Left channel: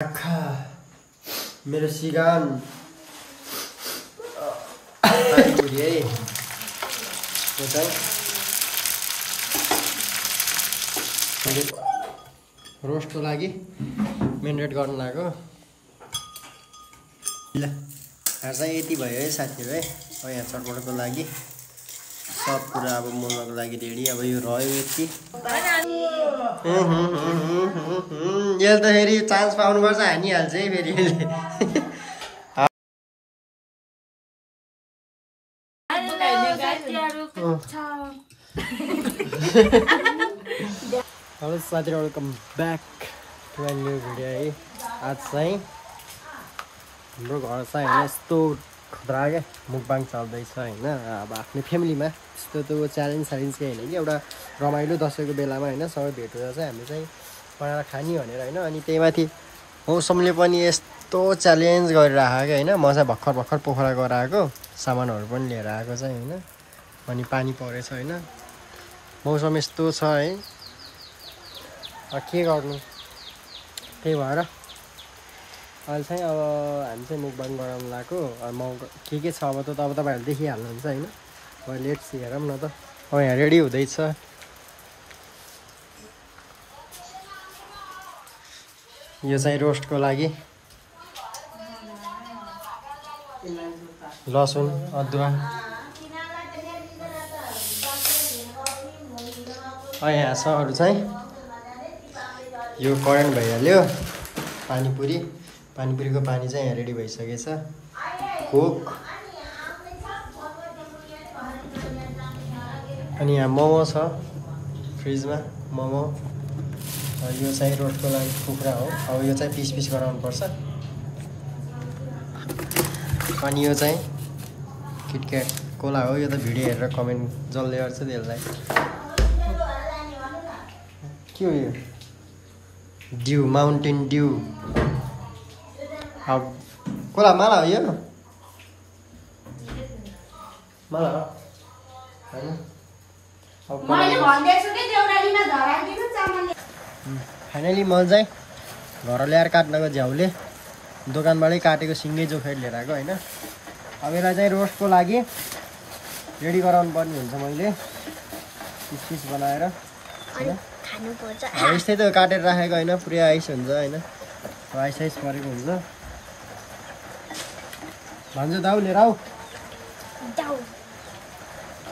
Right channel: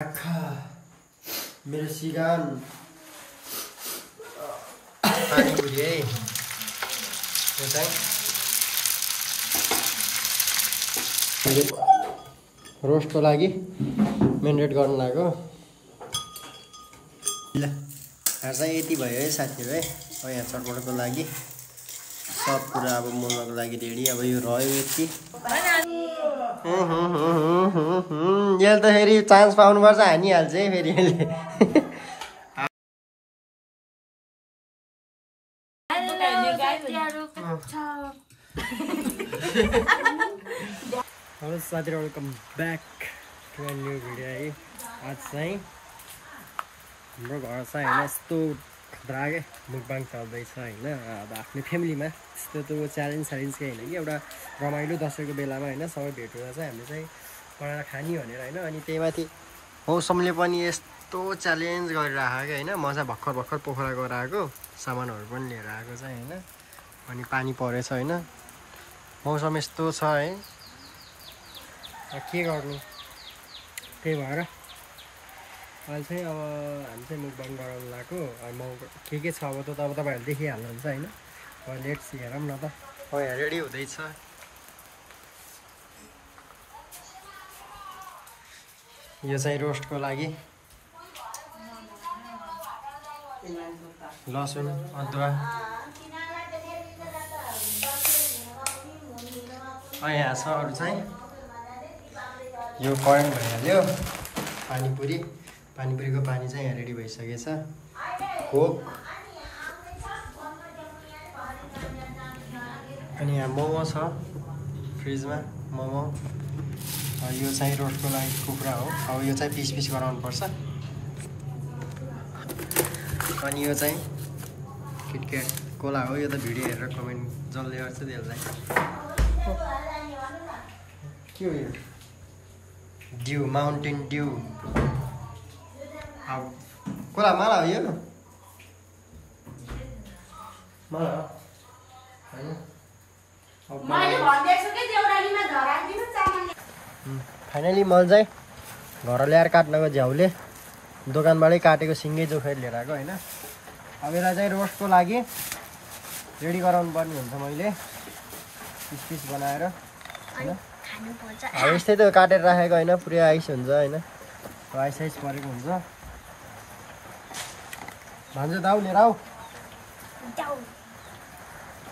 मेरो सिगान पानीपुरी है यो चाहिँ रोस्टको लागि मेरिनेट गर्न लाग्यो ल आज चाहिँ यति भयो है साथीहरु है अब यहाँ चटपटको लागि सब कुरा अब मोल्नको लागि रेडी अब यो रह्यो यति यसले त फेरि चान्स पाउनुपर्छ हानिहाल्छ है फेरि यसले हेलो साथीहरु welcome back to my new video है आज चाहिँ हाम्रो घर चाहिँ हैन यस्तो खुद्रा के मुकबाङ चल्दैछ हैन अब आफ्नो फ्यामिलीमा यस्तो त च्यालेन्ज के हैन कि एउटा रमाइलो दशैंको बेलामा हैन सबै भेट हुँदा चाहिँ हामीले चाहिँ बनाएर खानी भनेर हैन अनि त्यही माथि मौसमले पनि यस्तो च्यालेन्ज गरिराखेको हैन म चाहिँ भर्खर पोखरा गएर आएको सामानहरु पनि लिएर आएको चाहिँ हैन अनि पानी परेछ हैन मौसम यस्तो छ है के गर्नु त्यही भएर अहिले चाहिँ अब हामी चाहिँ मुकबाङ गराउन लाग्यो म के छ अब तपाईहरुले देखिहाल्नुहुन्छ हैन अब लेट्स हेरौँ न त अब यहाँ रेडी हुँदैछ यो चाहिँ रोस्टको लागि लसुन अदुवा यहाँ छ अरु चाहिँ यो करेन्ट भइहाल्यो पानीपुरीको पानी चाहिँ यहाँ रेडी भइसकेछ कोक अनि यहाँ मोमो छ फ्रिजमा मोमो यो चाहिँ रोस्टको लागि कुखुरा हो अब यो चाहिँ पिस गराउनु पर्छ अनि यो चाहिँ किटक्याट कोला हो यो त भिडियो हेरेर कमेन्ट जसले गर्छ त्यसलाई के हो यो ड्यू माउन्टेन ड्यू अब कोला माला हो यो माला हो हैन फाइनली मैले चाहिँ घर ल्याएर काट्नको झ्याउले दोकानबाटै काटेको सिङ्गै जोखेर लिएर आएको हैन अब यसलाई चाहिँ रोस्टको लागि रेडी गराउनु पर्ने हुन्छ मैले पिस बनाएर हैन यस्तै त काटेर राखेको हैन पुरै आइस हुन्छ हैन आइस परेको हुन्छ भन्छ दाउ लिएर आऊ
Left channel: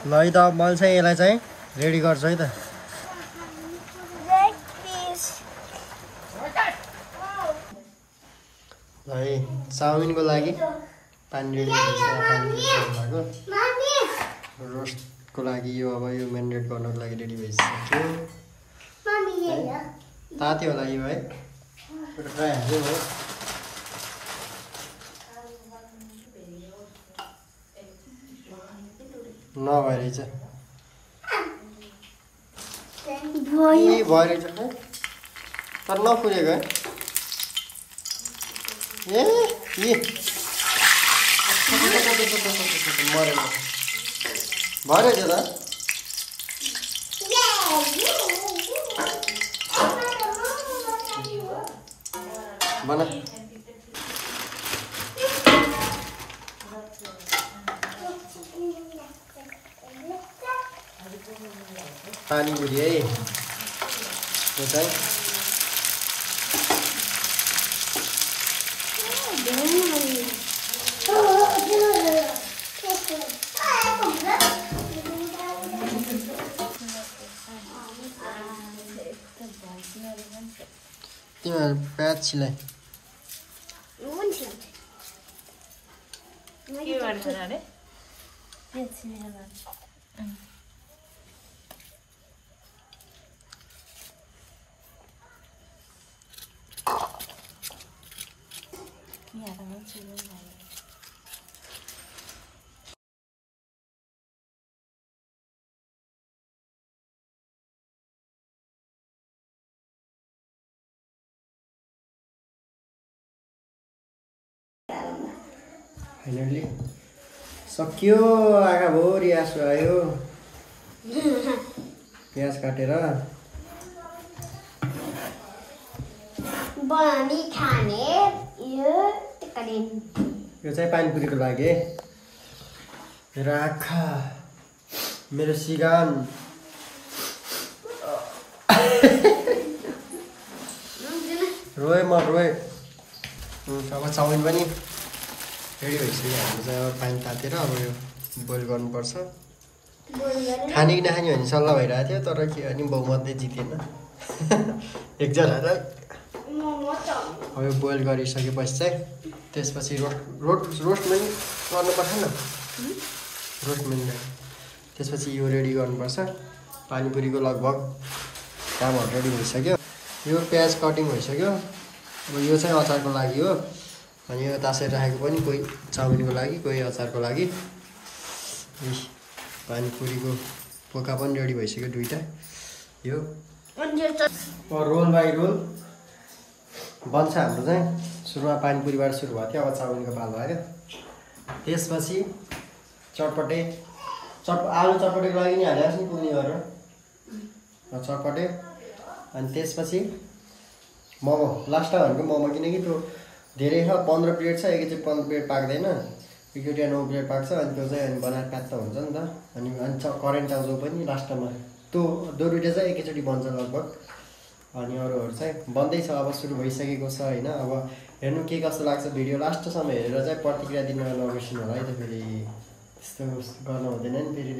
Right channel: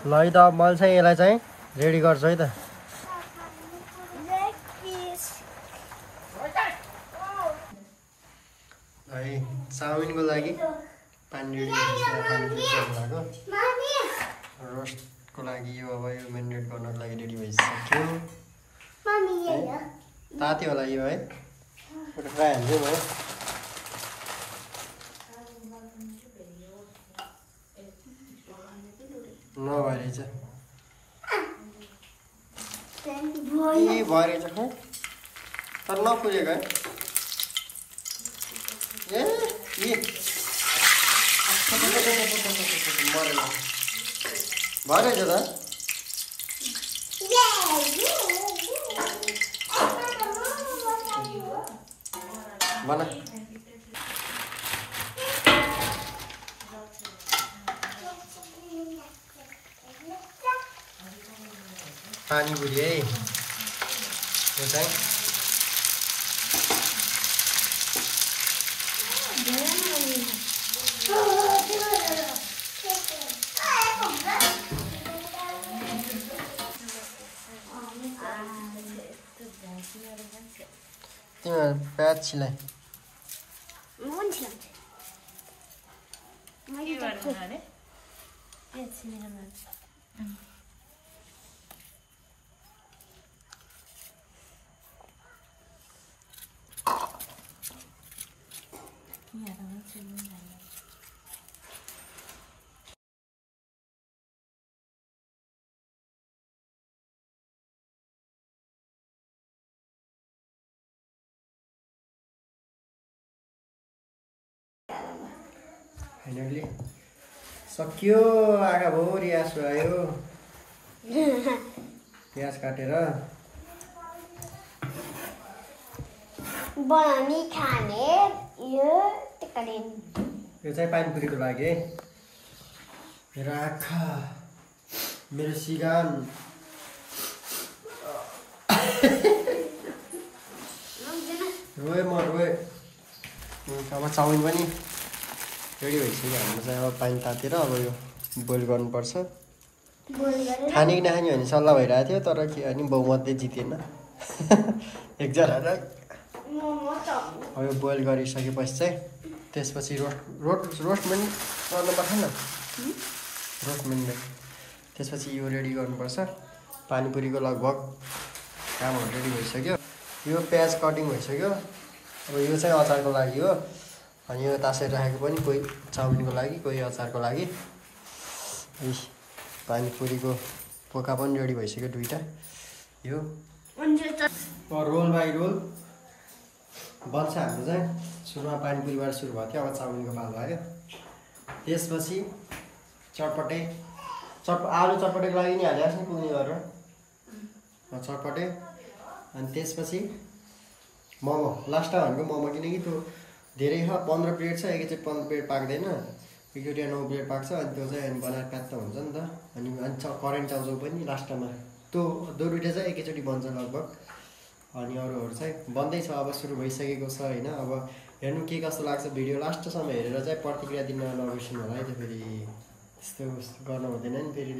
ल है त मैले चाहिँ यसलाई चाहिँ रेडी गर्छु है त है चाउमिनको लागि पानी रेडी भइसक्यो पानी लाग्यो रोस्टको लागि यो अब यो मेरिनेट गर्नको लागि रेडी भइसक्यो तात्यो होला यो है खाइहाल्छु म नभएरहेछ भएरहेछ खै तर नफुलेको है मरेन भएरहेछ त बना पानीपुरी है यो चाहिँ तिमीहरू प्याज छिलाइ फाइनली सकियो आँखा भोरी आँसु आयो प्याज काटेर बनाउने खाने यो चाहिँ पानीपुरीको लागि है। मेरो आँखा, मेरो सिगान, रोए म रोए। अब चाउमिन पनि रेडी भइसक्यो। हाम्रो चाहिँ अब पानी तातेर अब यो बोइल गर्नुपर्छ। खाने कि नखाने भन्ने सल्लाह भइरहेको थियो, तर के अनि बहुमतले जितेन एकजनालाई। अब यो बोइल गरिसकेपछि चाहिँ त्यसपछि रोस्टमेन्ट गर्नुपर्छ नि, रोस्टमेन्ट। त्यसपछि यो रेडी गर्नुपर्छ। पानीपुरीको लगभग कामहरू रेडी भइसक्यो। यो प्याज कटिङ भइसक्यो। अब यो चाहिँ अचारको लागि हो। अनि यो तासेर राखेको पनि कोही चाउमिनको लागि, कोही अचारको लागि। पानीपुरीको पोका पनि रेडी भइसक्यो दुईवटा। यो रोल बाई रोल बन्छ हाम्रो चाहिँ। सुरुमा पानीपुरीबाट सुरु भएको थियो, अब चाउमिनको पालो आयो। त्यसपछि चटपटे आलु चटपटेको लागि नि हालिहाल्छ नि पुग्ने गरेर चटपटे। अनि त्यसपछि मोमो लास्टमा भनेको मोमो, किनकि त्यो धेरै छ। 15 प्लेट छ, एकैचोटि 15 प्लेट पाक्दैन, एकचोटि 9 प्लेट पाक्छ। अनि त्यो चाहिँ अनि बनाएर प्याक त हुन्छ नि त। अनि करेन्ट आउँछ पनि लास्टमा, त्यो दुईवटा चाहिँ एकैचोटि बन्छ लगभग। अनि अरूहरू चाहिँ बन्दैछ, अब सुरु भइसकेको छ होइन। अब हेर्नु के कस्तो लाग्छ भिडियो लास्टसम्म हेरेर चाहिँ प्रतिक्रिया दिन नबिर्सिनु होला है। त फेरि त्यस्तो गर्नु हुँदैन नि। फेरि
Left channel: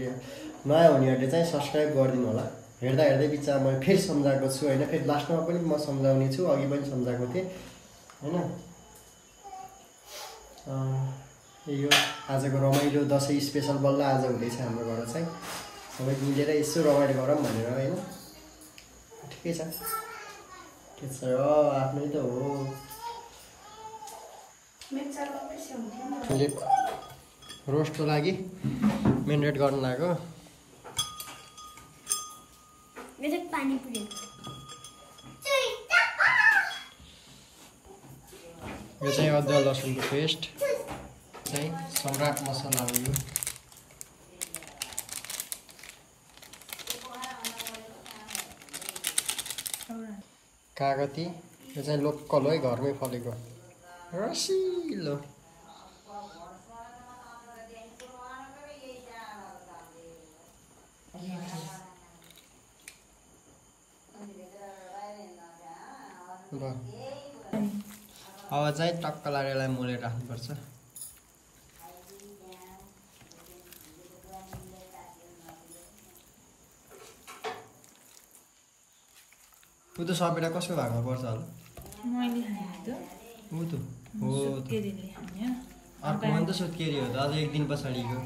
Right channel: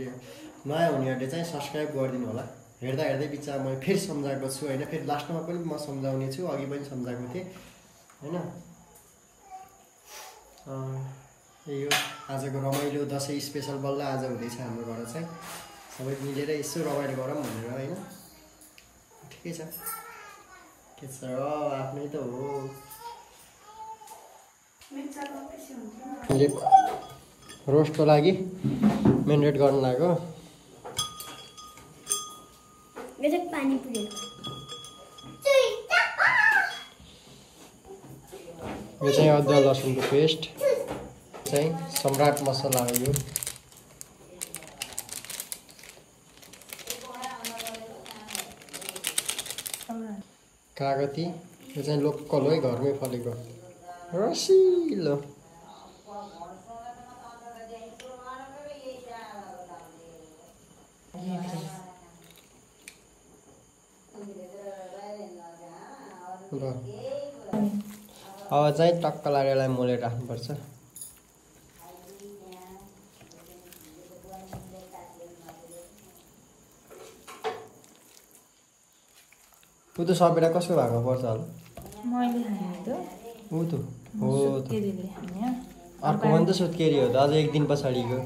नयाँ हुनेहरूले चाहिँ सब्सक्राइब गरिदिनु होला। हेर्दा हेर्दै बिचमा मैले फेरि सम्झाएको छु होइन। फेरि लास्टमा पनि म सम्झाउने छु, अघि पनि सम्झाएको थिएँ होइन। यो आजको रमाइलो दसैँ स्पेसल बल्ल आज हुँदैछ हाम्रो घर चाहिँ। सबै मिलेर यसो रमाइलो गरौँ भनेर होइन। ठिकै छ, के छ आफ्नै त हो। मैले रोस्टको लागि मेरिनेट गर्नु लाग्यो। यो चाहिँ अदुवा लसुनको पेस्ट चाहिँ सम्राट मसला हो। यो कागती, यो चाहिँ लोकल हो है, घरमै फलेको रसिलो। अब चाहिँ टक्क लागेलाई मोलेर राख्नुपर्छ। ऊ त सपेटा कसको भागमा पर्छ होला? ऊ त हो त अर्को पनि त सुत्केरी हो त, अझ एक दिन पछाडिको।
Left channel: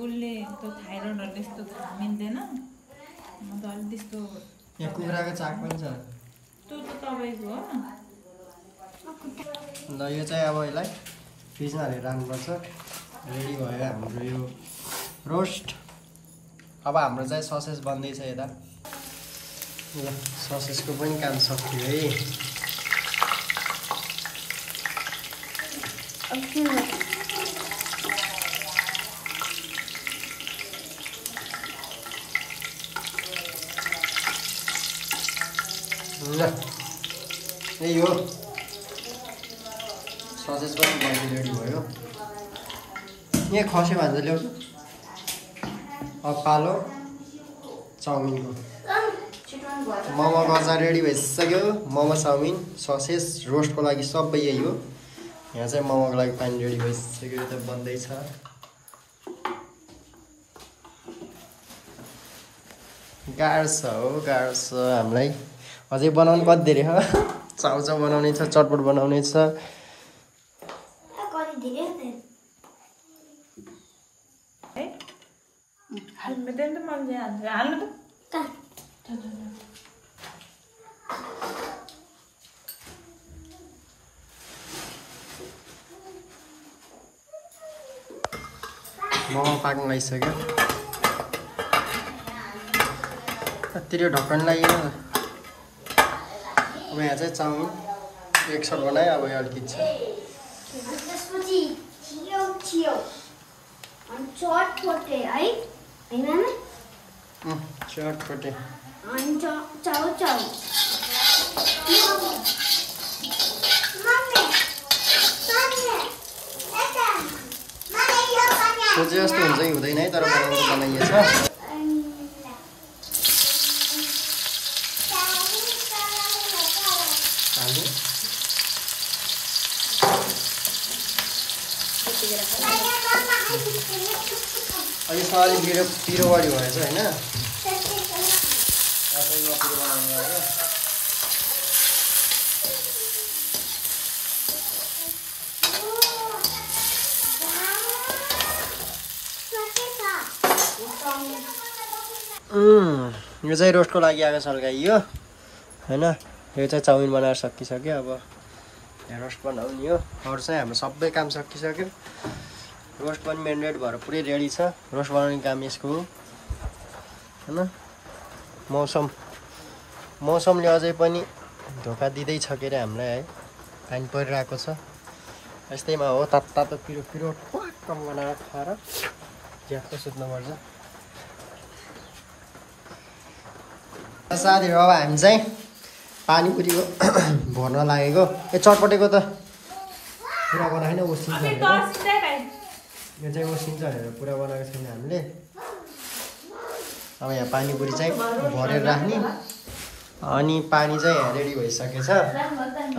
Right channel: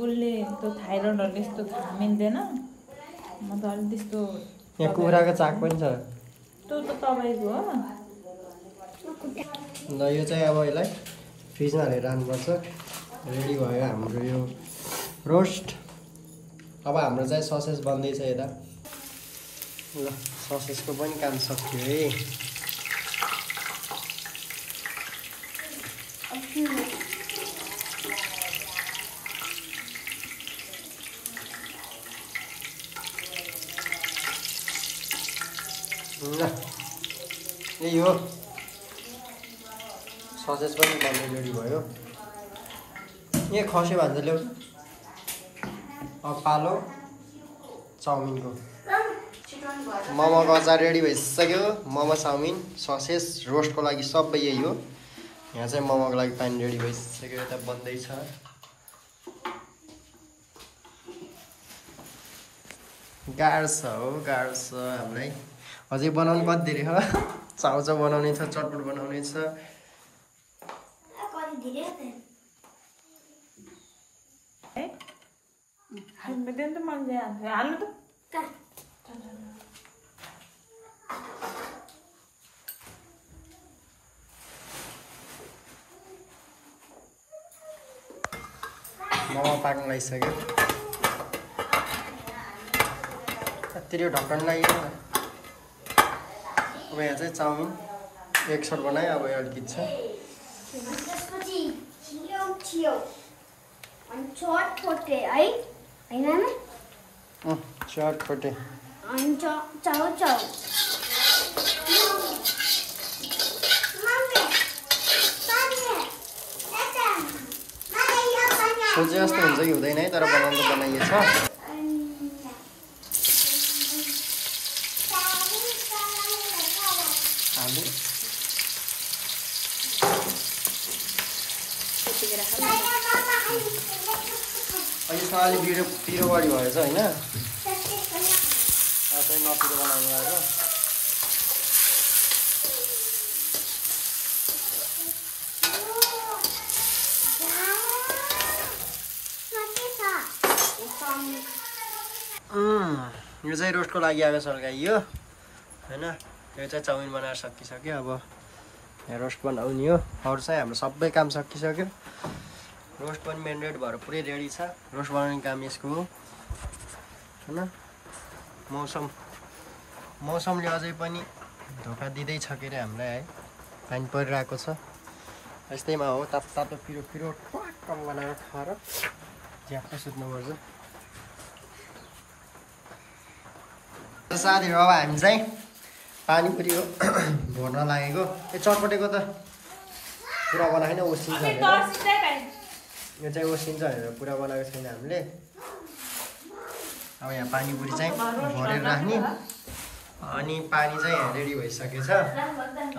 उसले त्यो थाइरोइडहरूले यस्तो थाहा मिल्दैन। म त अलिक त्यस्तो। यहाँ कुखुराको चाक पनि छ। त्यो त तपाईँको हो। ल यो चाहिँ अब यसलाई फ्रिजमा हालेर राख्नुपर्छ। रेडी भयो हाम्रो यो रोस्ट। अब हाम्रो चाहिँ ससेज बन्दैछ यता। ल ससेजको पनि काम सक्यो है। ल यही हो, ससेज पनि बन्ने रेडी भयो। यहाँ खस्यो भन्छ ल्याउँछु। अब पालो चाउमिनको। मोमोको अचार रेडी भइसक्यो। मोमो, चाउमिन, ससेज, रोस्टको लागि सबै यही हो। यहाँ चाहिँ मोमोको लागि पानी रेडी भइसक्यो, यता बन्दैछ। गाह्रो छ हो, गाह्रो छ हामीलाई। अझै बनाउनु कति धेरै हो। चाउचाउ बनाउने छ, चटपट बनाउने छ। मोमो पाक्नु लागिसक्यो। कति ढक्कन लाग्यो। अब यहाँ चाहिँ चाउमिन एक सट बनायो। अब अलिकति छ चटपटे। सोचे जस्तो हुन्छ कि हुँदैन है तर बनाउनु त बनाइएछ आलु यसमा अलिक पिरो बढी भएछ होइन नपिरो बनाउनु लाग्यो यो चाहिँ रोस्टको लागि आएको सल्काइयो होइन यो चाहिँ चाउमिन बनाएर सकिसक्यो अब यहाँ रोस्ट बनाउने हो अरू चाहिँ हाम्रो सबै काम सकिसक्यो रोस्ट पनि मेरिनेट भएर पुरै रेडी छ रोस्ट बनाउने काम यसको हो होइन मौसमले अझै पनि धोका दिँदैछ के अरे हामीलाई है पानी परिरहेको छ यस्तैमा हो तातो पिरो पिरो टक्क बनाएर खाएर झ्याप्प सुत्नुपर्छ साथीहरू अब हामी चाहिँ पानीपुरीको भर्न लागेको चटपटेको त पुरा बनाएन ओसिन्छ यो चाहिँ ओसिन्छ भनेर पुरा बनाएको छैन हामीले अब यहाँ पानीपुरी चाहिँ भरेर राख्ने अनि पानी चाहिँ यहाँ रेडी भइसकेछ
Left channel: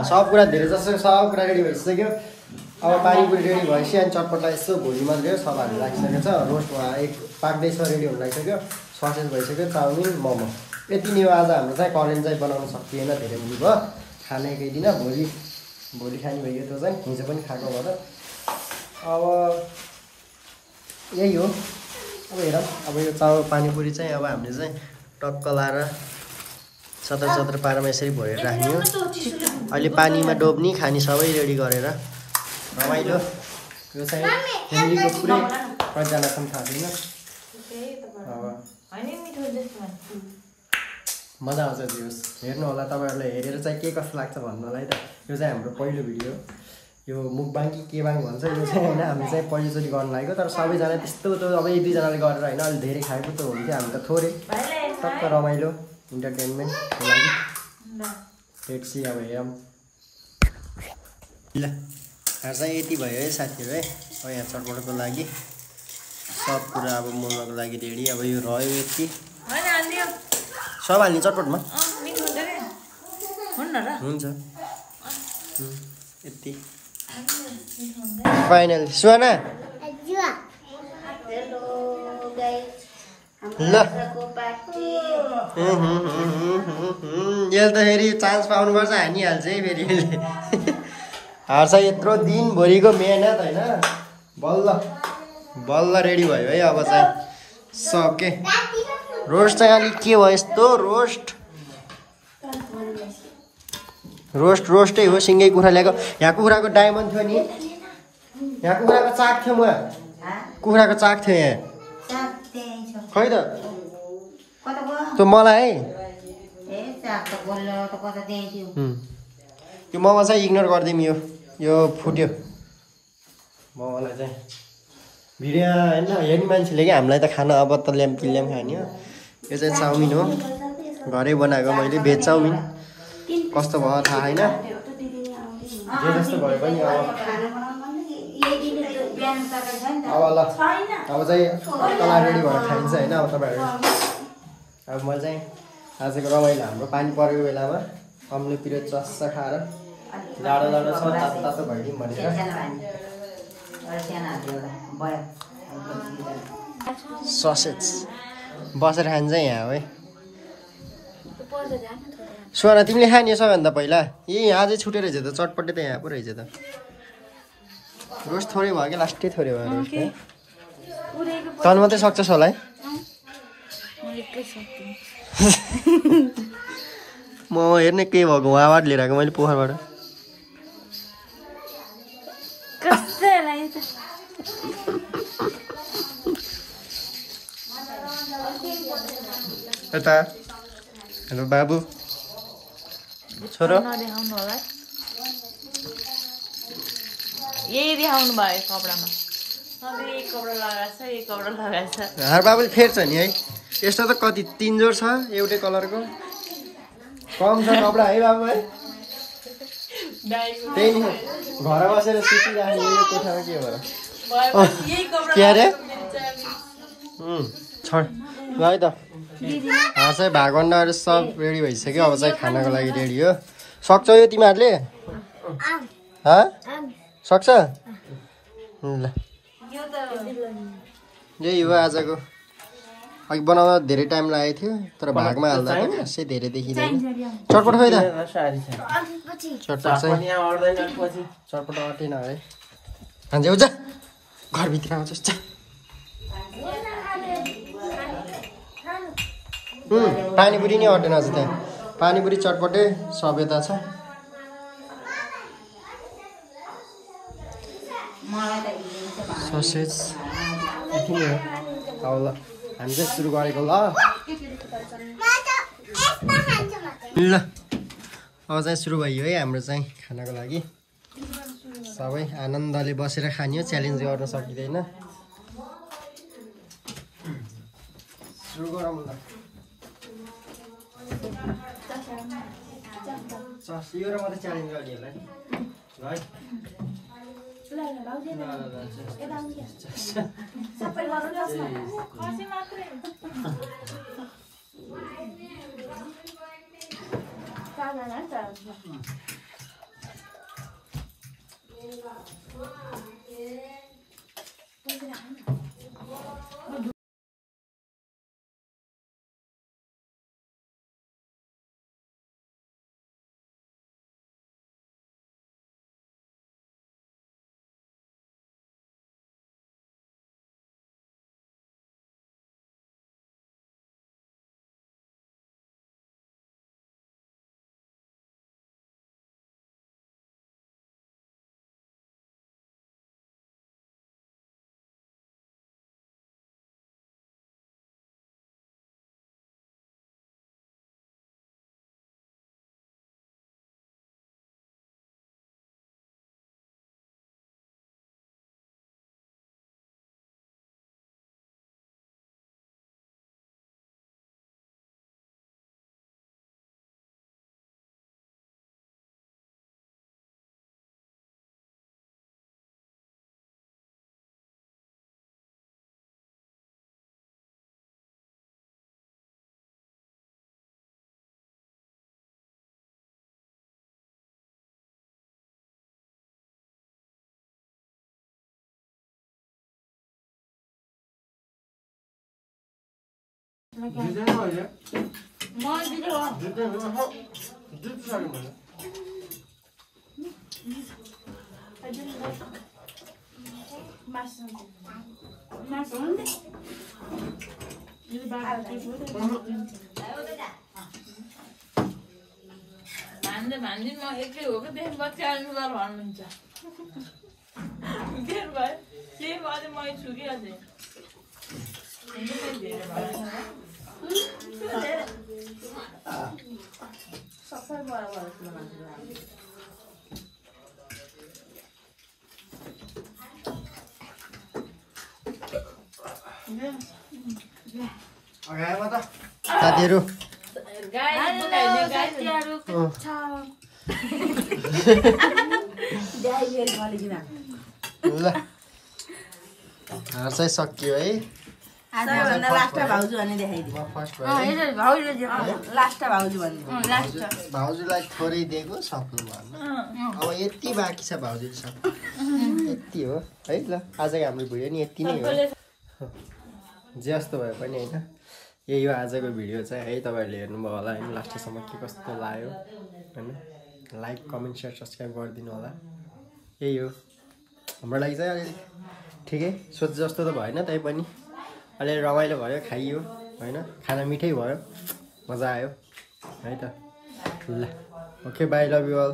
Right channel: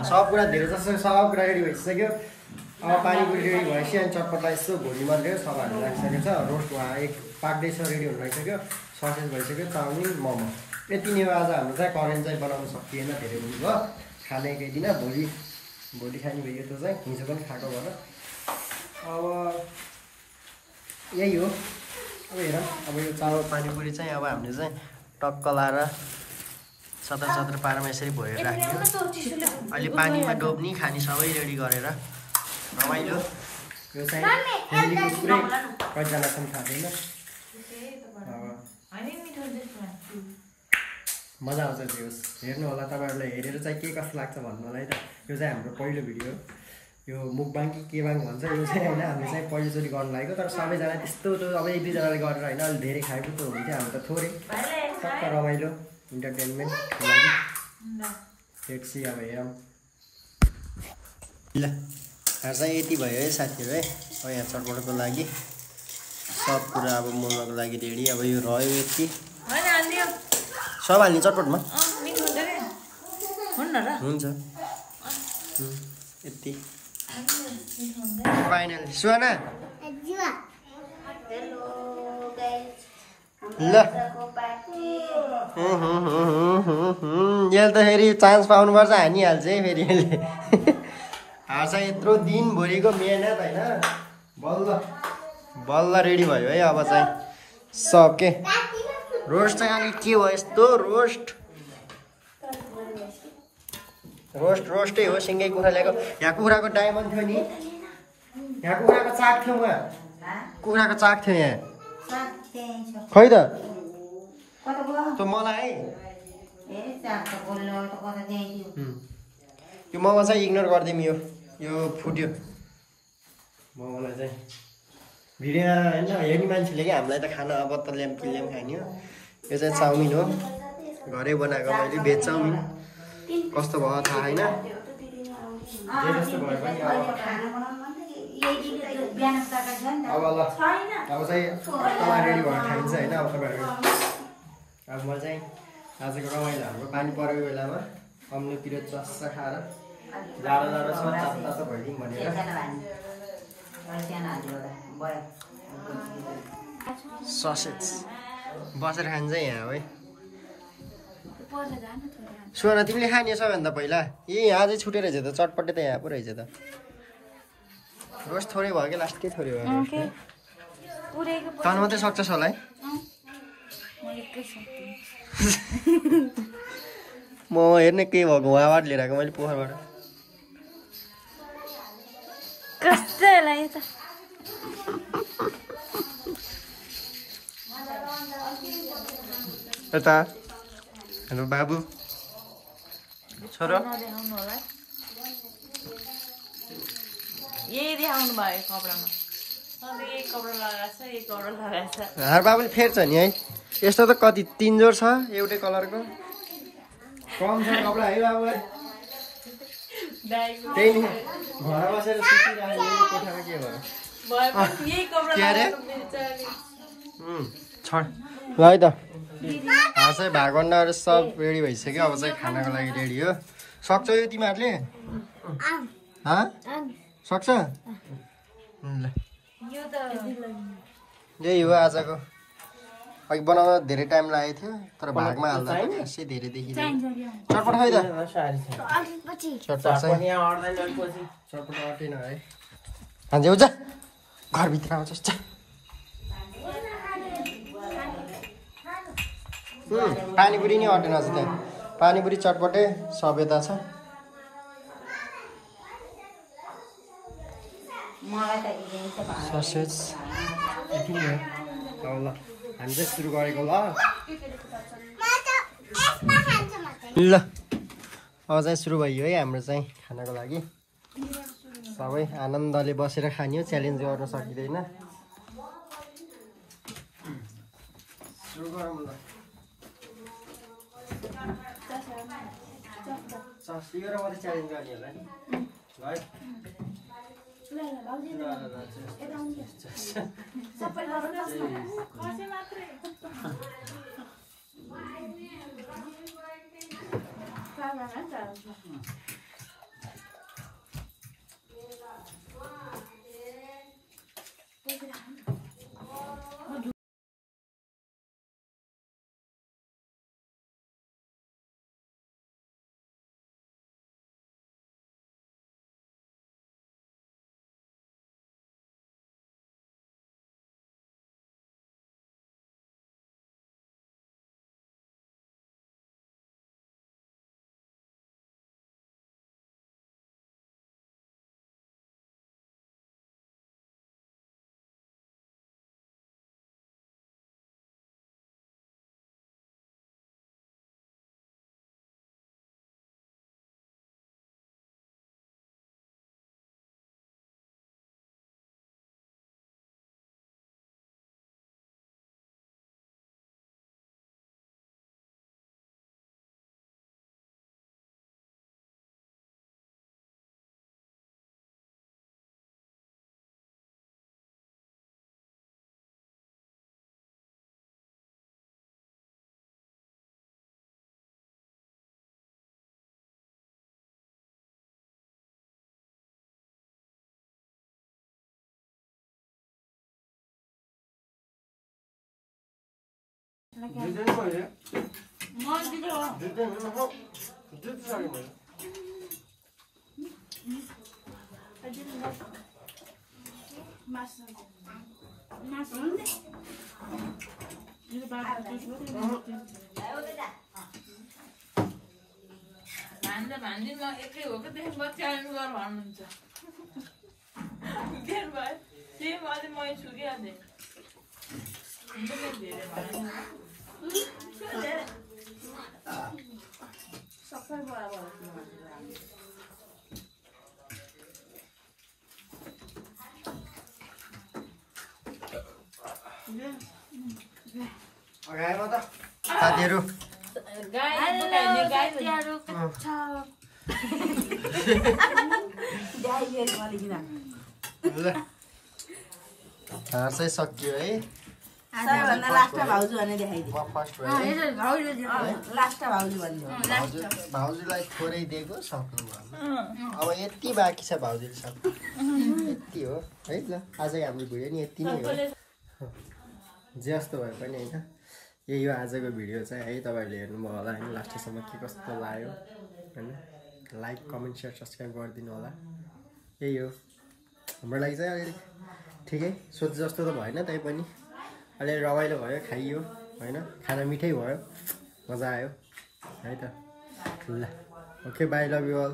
सब कुरा धेरै जस्तो सब कुरा रेडी भइसक्यो अब पानीपुरी रेडी भएपछि अनि चटपटा यसो भोलि मात्रै हो सब हालेर राखिसकेको छ रोस्ट उहाँ एक पाक्दैछ रेडी हुन लागिसक्यो ससेज भइसक्यो चाउमिन मोमो यति नै आज हाम्रो चाहिँ करेन्ट चाहिँ बनाउन सकिएन धेरै भोलि भयो खाने केही दिन भोलि खाने भयो त्यो चाहिँ हिजो पनि खाएको भएर अब यही हो अब हेरौँ अब यो पानीपुरी चाहिँ अब हामीले चाहिँ टक्क लाएर चतर पारामा यसरी भरेर राख्ने हो अहिले पानीमा डोब्ने खाने सबै रेडी गरेर रमाइलो यो चाहिँ फ्यामिलीको पुरै कतिजनासम्म थाहा छैन अब मजा आउँछ त्यो हेर्नु होला तपाईँहरूलाई हेरेर चाहिँ के कस्तो लाग्छ भन्नलाई त यो चाहिँ हाम्रो पहिलो भिडियो यो मुकबाङ कि केबाङ भन्छ यो चाहिँ होइन हामीले चाहिँ पहिलोचोटि गर्नु लागेको तर सबैजना त्यस्तो त अब एक दुईजनाले गरेर होइन अलिक धेरै खाएको त हुन्थ्यो हामी त थोरै टक्क रमाइलो इन्टरटेनमेन्टको लागि पेप्सी अब हेरौँ ल चाहिँ यति भयो है साथीहरू है अब यहाँ चटपटको लागि सब कुरा अब मोमोको लागि रेडी अब यो रह्यो यति सब हाल्ने चटपटमा हुन्छ यति फाइनल सुहाना ल यसले त फेरि चान्स पाउनुपर्छ हानिहाल्छ है फेरि यसले हार्छ यत्रो दिनभरिको मेहनत होइन बल्ल रेडी भयो है अब चाहिँ सके रोस्ट चाहिँ अलिक के भयो यस्तो रोस्टै हो सिँगै कुखुरा ल्याएको यहाँ कुखुराको डायमन्ड थियो नि यहाँ कुखुराको चाक थियो म कुखुराको चाक थियो यहाँ खै त त्यो मलाई है यो मोमो चाहिँ इग्नोर गरिदिउँ यो फुट्यो मोमोलाई चाहिँ भिडियो होइन हेर्ने मान्छेले कि हामीलाई त खाना अब त ल्याम खाने हो यो चाहिँ चाउमिन हो घरै बनाएको मैले भेज चाउमिन कस्तो भयो थाहा छैन जे जस्तो भयो पनि अब ल अब चाहिँ तला रेडी भएर खाइन्छ होइन अब तपाईँहरू अब म चाहिँ आजको रमाइलो हाम्रो पानी परेको बेलामा अम्लोतिर चस्सा खाएर जाडो छ तातो भइदिउँ भनेर ससेज बसेर खान्छ यहाँ है सुहाना तिमीले खाने सबैभन्दा पहिला यहाँ चाहिँ छुटेर रहेछ त चटपटे त यहाँ पो रहेछ त रोस्ट थोरै भयो कि लास्टै थोरै भयो रोस्ट तन मात्रै सक्छस् होला है म हेर्ने केही भएको उहाँबाट लिएर आएको मैले पोखरबाट यता हेलो बाबु छोरो यही देखाउनु भयो कपडामा हार बाबुले फेर्छ नि है यस्तो त कति 3 जोड छ एउटै कलरको कम छ कपडा है बाबु है त्यही नि घर बसेर सुतिराख्ने यो कोठामा के भएर के अरे छोड ल है त चाहिँ भागभन्डाहरू सब रेडी भइसक्यो अब चाहिँ खानाको लागि रेडी हो सक्छ यो तिमीहरूले सक्छ ल यही हो आजको अघि बनाउँदा धेरै टाइम लागेको थियो तर भागमा हाल्दा त खासै धेरै देखिँदैन चटपट खै त चटपट चाहिँ चटपट अटेन है हान्जे जा घरभित्र आउँछ पानीपुरी नै अटेन अझ त्यहाँ पानीपुरी चटपटे सभ्यता छ ससेज यति नै हो अब ल हामी चाहिँ सुरु गरेको ल अब चाहिँ सुरु भयो है हाम्रो चाहिँ खानाको लागि सबै आनन्दले बसेर खानियो च्यालेन्ज गर्न सकिँदैन सुरु गरौँ ल यो र मात्रै च्यालेन्ज गर्नेहरूलाई है भान्जी म एकै हो कि त्यसमा च्यालेन्ज गर भन्नुहुन्छ के भयो त्यही भएर मैले छुकिया थिएँ सबै बराबर साथीहरू हार चाहिँ सकियो है भाउजूलाई थोरै दिएको सक्नु भन्न अब यति बाँकी छ भाउजूले सक्नु यति हो है ल आजको हाम्रो भिडियो नि यति नै हो जे जस्तो भए पनि होइन यही हो आजको भिडियो चाहिँ है तपाईँहरूले हेर्नुभयो होला होइन लास्टसम्म के कस्तो लाग्यो होइन लाइक कमेन्ट सेयर सब्सक्राइब गरिदिनु होला यही हो हाम्रो लागि चाहिँ अलिअलि ठिकै सोच जस्तो त भएन तैपनि अलिअलि रमाइलो भयो खाइयो होइन खाना मिठै भयो मजा आयो है त ल okay bye love you all